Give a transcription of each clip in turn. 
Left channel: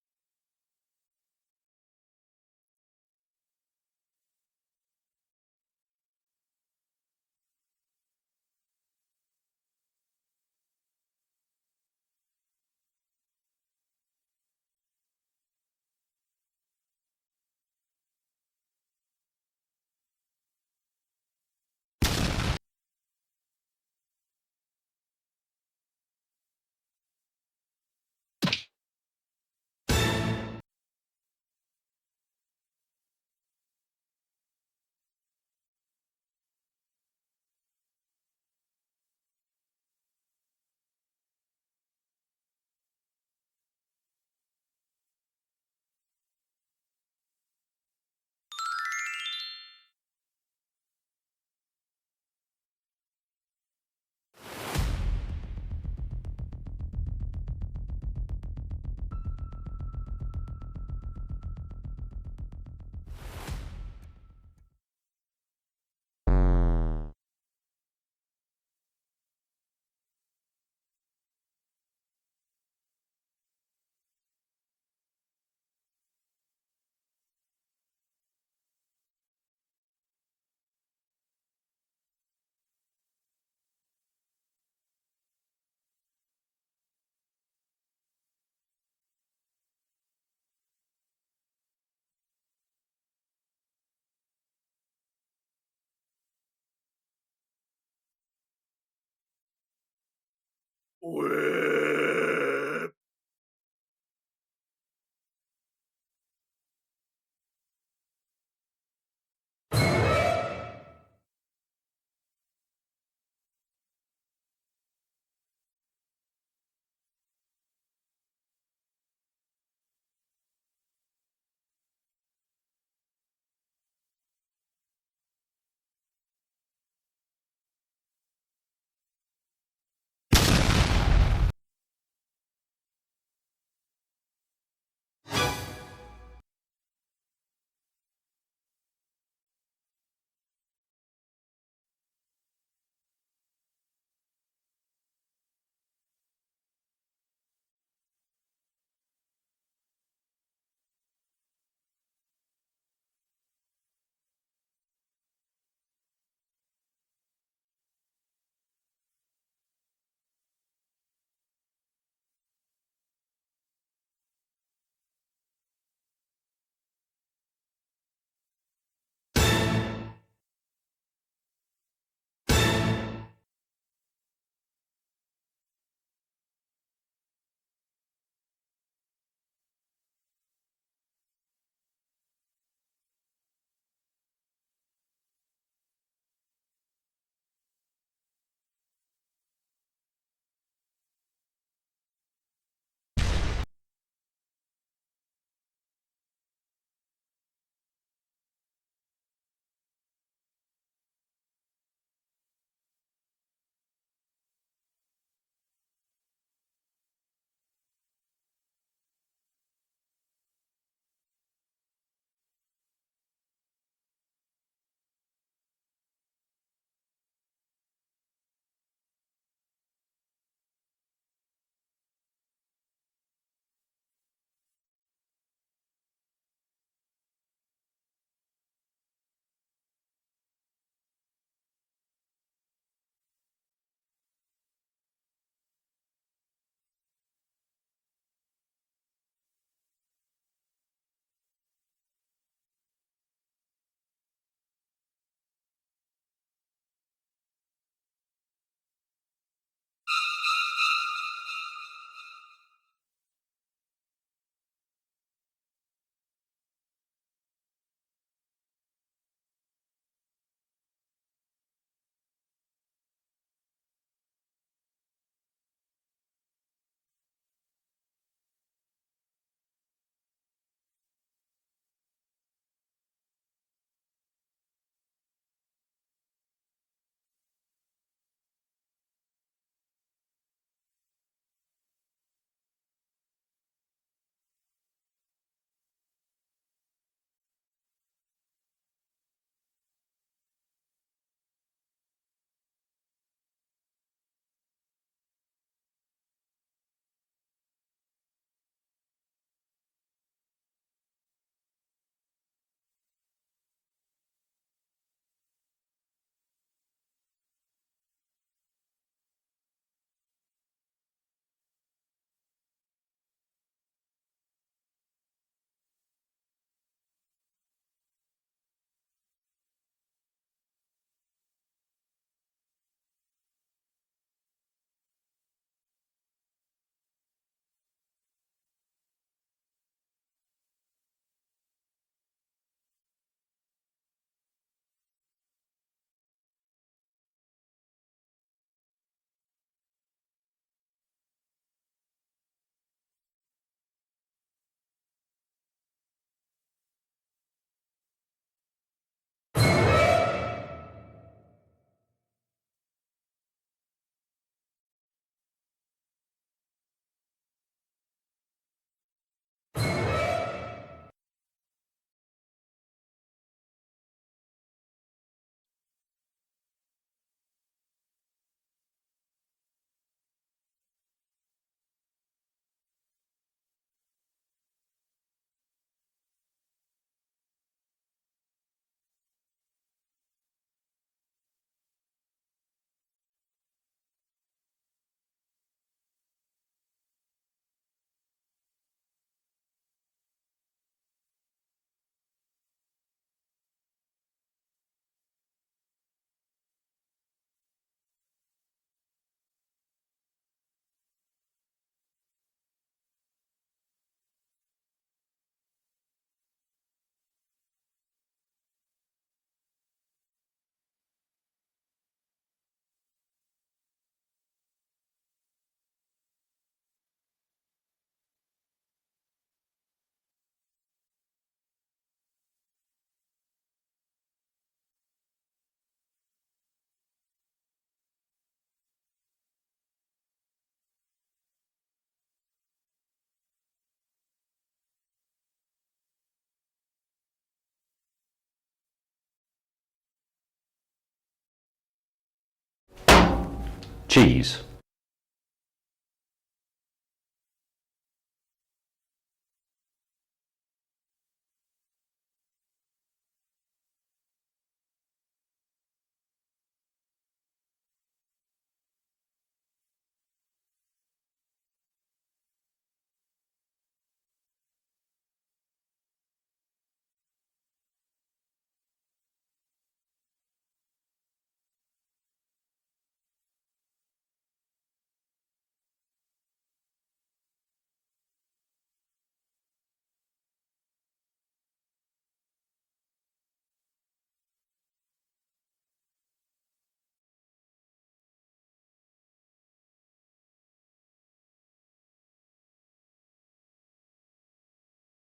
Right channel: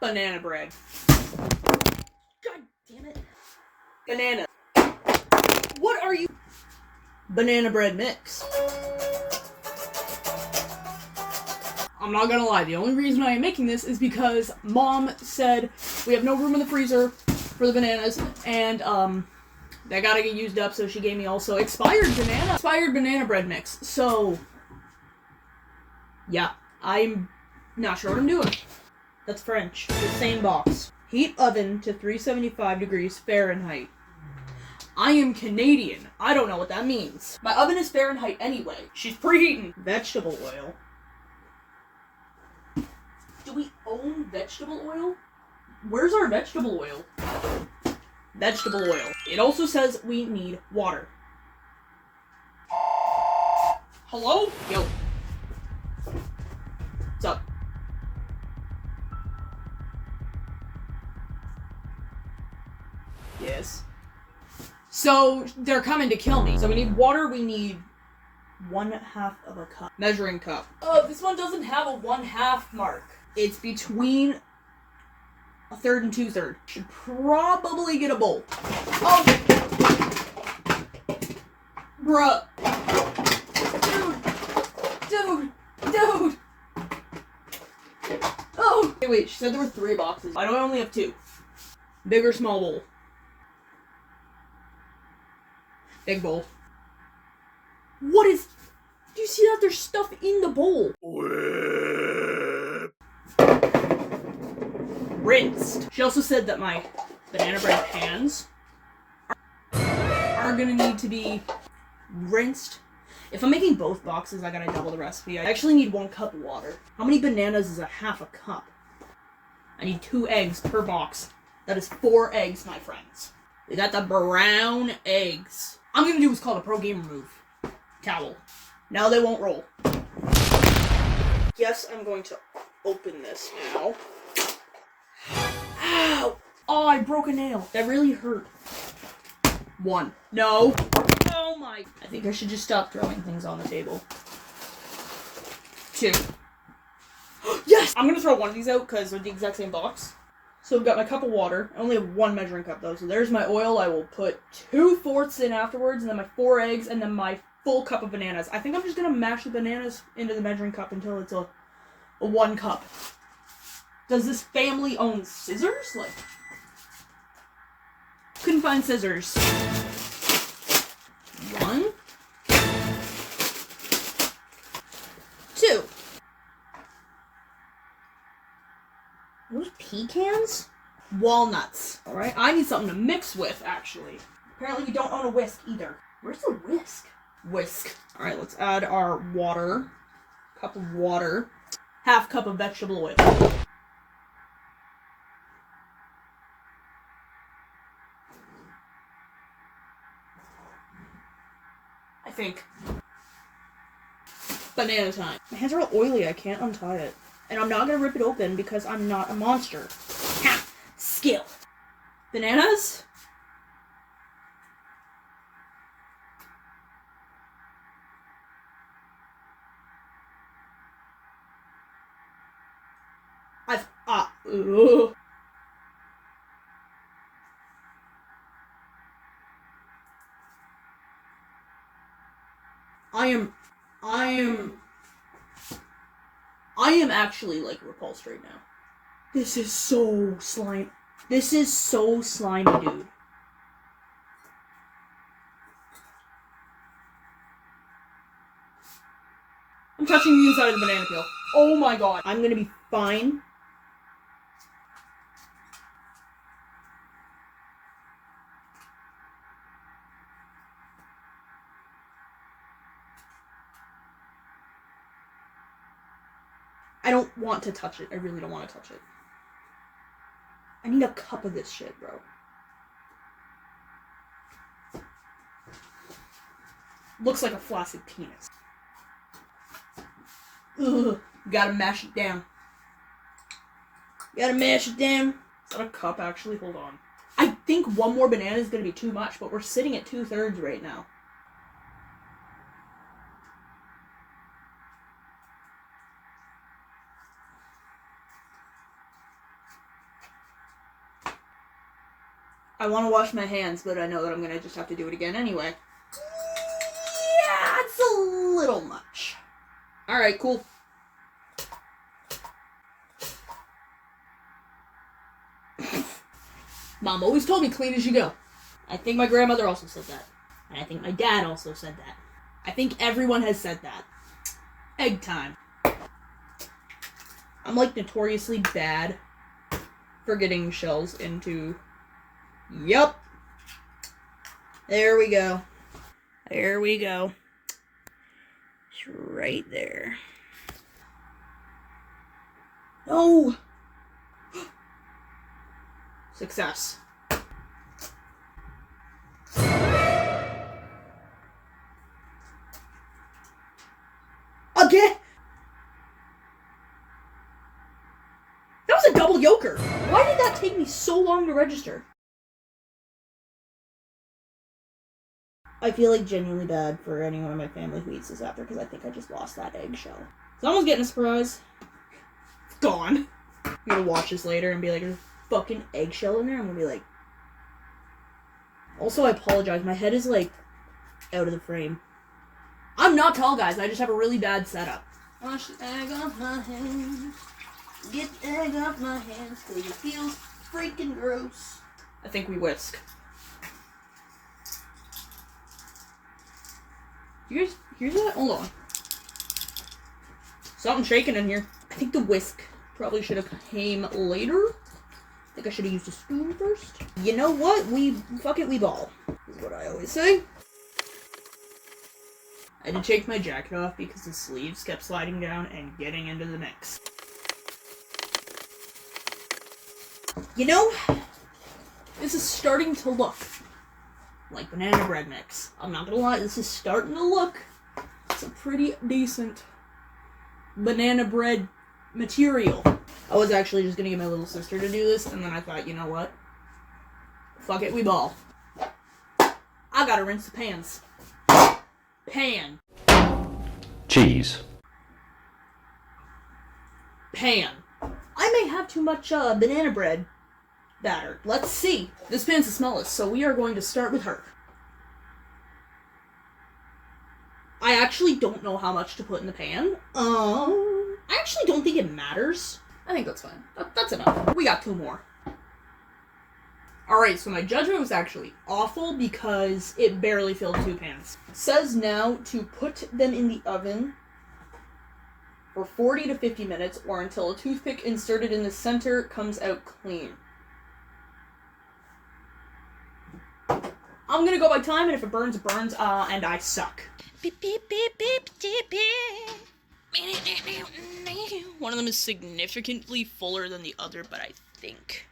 Banana bread. God damn it. Banana. What are you? Banana bread mix. I'm not gonna lie, the only reason I am making this is because Mom said we have no room in the freezer for the bananas, and they gotta get used up, so she gave me also expired banana bread mix. So yeah, I'm not sure what I'm doing. That's French. Same box. Heat oven to 375 degrees Fahrenheit. I am Canadian. I don't know what that means. My oven is Fahrenheit anyway. She's preheating. Vegetable oil. Do we own vegetable oil? Where's our vegetable oil? Vegetable oil. It also says we need water. Hello? Yo. What's up? Yes. So, they're coming to kill me. So we need water, we need 1/2 of a cup. Measuring cup. Oh, this one doesn't have a 1/2 mark. It's between 1/3 and 2/3. Should probably get a bowl. Oh! Bruh. Dude! Oh! Wait, she said there were 3 boxes. I only have 2. Big or small bowl? Big bowl. What is... Do you see that there's stuff in the bowl? Rinsed. She also said that my banana bread pans are gonna need to be rinsed. If I'm making both boxes, I gotta double the recipe. I actually need 1 cup of water. How many bananas is 1/2 a cup? I need 2 eggs per box. That is 4 eggs, my friends. We got the brown eggs. I'm gonna do what's called a pro gamer move. Towel. Now they won't roll. Yes, I'm going to open this now. Ow! Oh, I broke a nail. That really hurt. 1. No. Oh my. I think I should just stop throwing things on the table. 2. Yes! I'm gonna throw one of these out because they're the exact same box. So I've got my cup of water. I only have 1 measuring cup though. So there's my oil. I will put 2/4 in afterwards, and then my 4 eggs, and then my full cup of bananas. I think I'm just gonna mash the bananas into the measuring cup until it's a 1 cup. Does this family own scissors? Like, couldn't find scissors. 1, 2. Those pecans? Walnuts. Alright, I need something to mix with, actually. Apparently we don't own a whisk either. Where's the whisk? Whisk. Alright, let's add our water. Cup of water. 1/2 cup of vegetable oil. I think. Banana time. My hands are all oily, I can't untie it. And I'm not gonna rip it open because I'm not a monster. Ha! Skill. Bananas? Ugh. I am actually, like, repulsed right now. This is so slimy. This is so slimy, dude. I'm touching the inside of the banana peel. Oh my god. I'm gonna be fine. I don't want to touch it. I really don't want to touch it. I need a cup of this shit, bro. Looks like a flaccid penis. Ugh. Gotta mash it down. Gotta mash it down. Is that a cup, actually? Hold on. I think 1 more banana is gonna be too much, but we're sitting at 2/3 right now. I want to wash my hands, but I know that I'm going to just have to do it again anyway. Yeah, it's a little much. Alright, cool. Mom always told me clean as you go. I think my grandmother also said that. And I think my dad also said that. I think everyone has said that. Egg time. I'm like notoriously bad for getting shells into... Yup. There we go. There we go. It's right there. No! Success. Again? That was a double yoker. Why did that take me so long to register? I feel like genuinely bad for anyone in my family who eats this after because I think I just lost that eggshell. Someone's getting a surprise. It's gone. I'm gonna watch this later and be like, there's a fucking eggshell in there. I'm gonna be like... Also, I apologize. My head is like out of the frame. I'm not tall, guys. I just have a really bad setup. Wash the egg off my hands. Get the egg off my hands because it feels freaking gross. I think we whisk. You guys hear that? Hold on. Something shaking in here. I think the whisk probably should have came later. I think I should have used a spoon first. You know what? Fuck it, we ball. Is what I always say. I had to take my jacket off because the sleeves kept sliding down and getting into the mix. You know, this is starting to look like banana bread mix. I'm not gonna lie, this is starting to look. It's a pretty decent banana bread material. I was actually just gonna get my little sister to do this, and then I thought, you know what? Fuck it, we ball. I gotta rinse the pans. Pan. Cheese. Pan. I may have too much banana bread batter. Let's see. This pan's the smallest, so we are going to start with her. I actually don't know how much to put in the pan. I actually don't think it matters. I think that's fine. That's enough. We got 2 more. Alright, so my judgment was actually awful because it barely filled 2 pans. It says now to put them in the oven for 40 to 50 minutes or until a toothpick inserted in the center comes out clean. I'm gonna go by time, and if it burns, it burns, and I suck. Beep, beep, beep, beep, beep, beep. One of them is significantly fuller than the other, but I think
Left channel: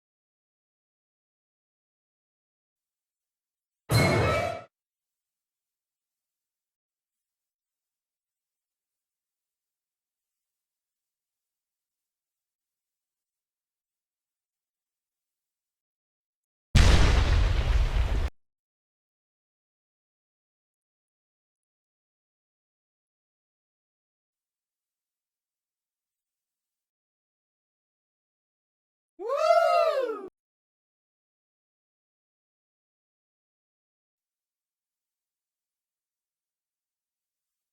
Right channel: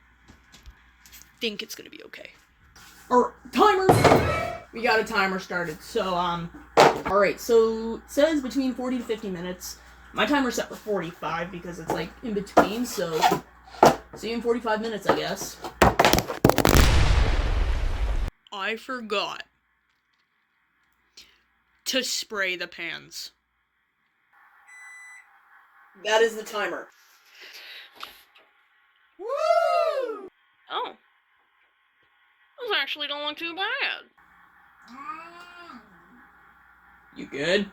it's gonna be okay. Or timer! We got a timer started, so, alright, so it says between 40 to 50 minutes. My timer's set for 45 because it's, like, in between, so see you in 45 minutes, I guess. I forgot to spray the pans. That is the timer. Woo! Oh. Those actually don't look too bad. You good?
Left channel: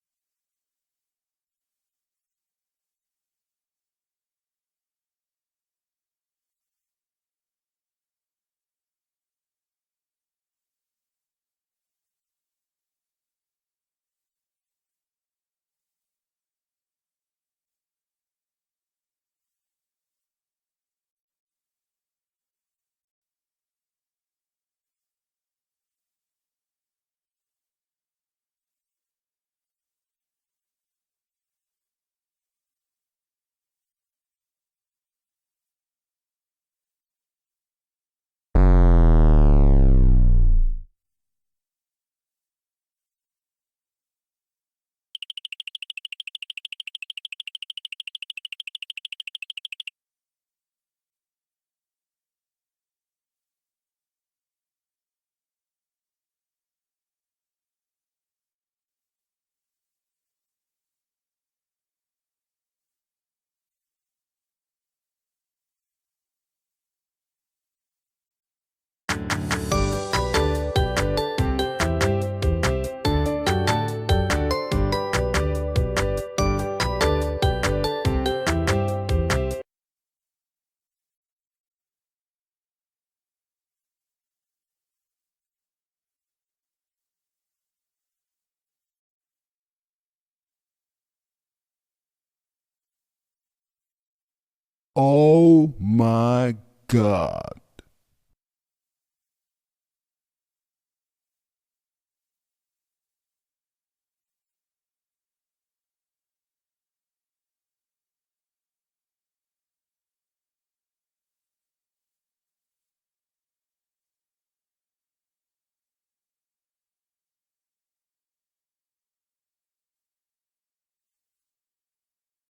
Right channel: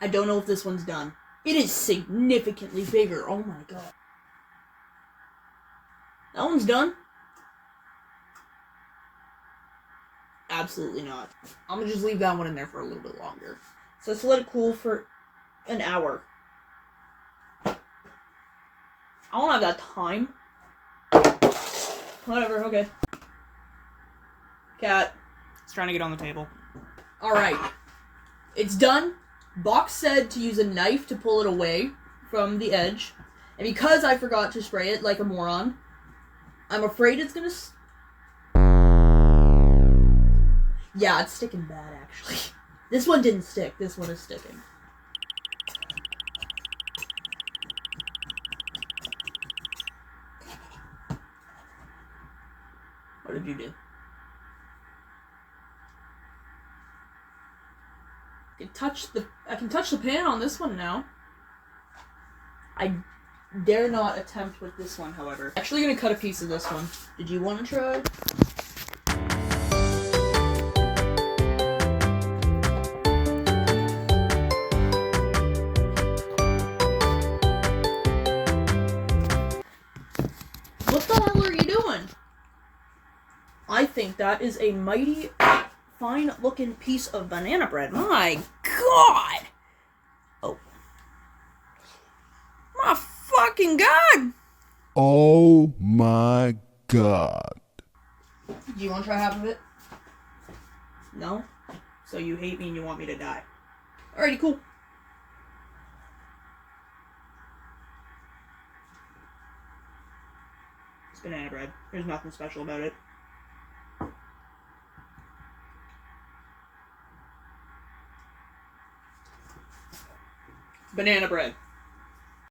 I don't know if this one's done. It is significantly bigger. Oh my god. That one's done? Absolutely not. I'm gonna just leave that one in there for a little bit longer. So let's let it cool for an hour. I don't have that time. Whatever, okay. Cat. It's trying to get on the table. Alright. It's done. Box said to use a knife to pull it away from the edge. And because I forgot to spray it like a moron, I'm afraid it's gonna... Yeah, it's sticking bad, actually. This one didn't stick. This one is sticking. What did you do? I can touch the pan on this one now. I dare not attempt with this one, however. Actually gonna cut a piece of this one. Did you want to try? What the hell are you doing? I think that is a mighty fine looking piece of banana bread. My God! Oh. My fucking God! Oh my God. Do you want to try half of it? No? So you hate me and you want me to die. Alrighty, cool. It's banana bread. There's nothing special about it. Banana bread.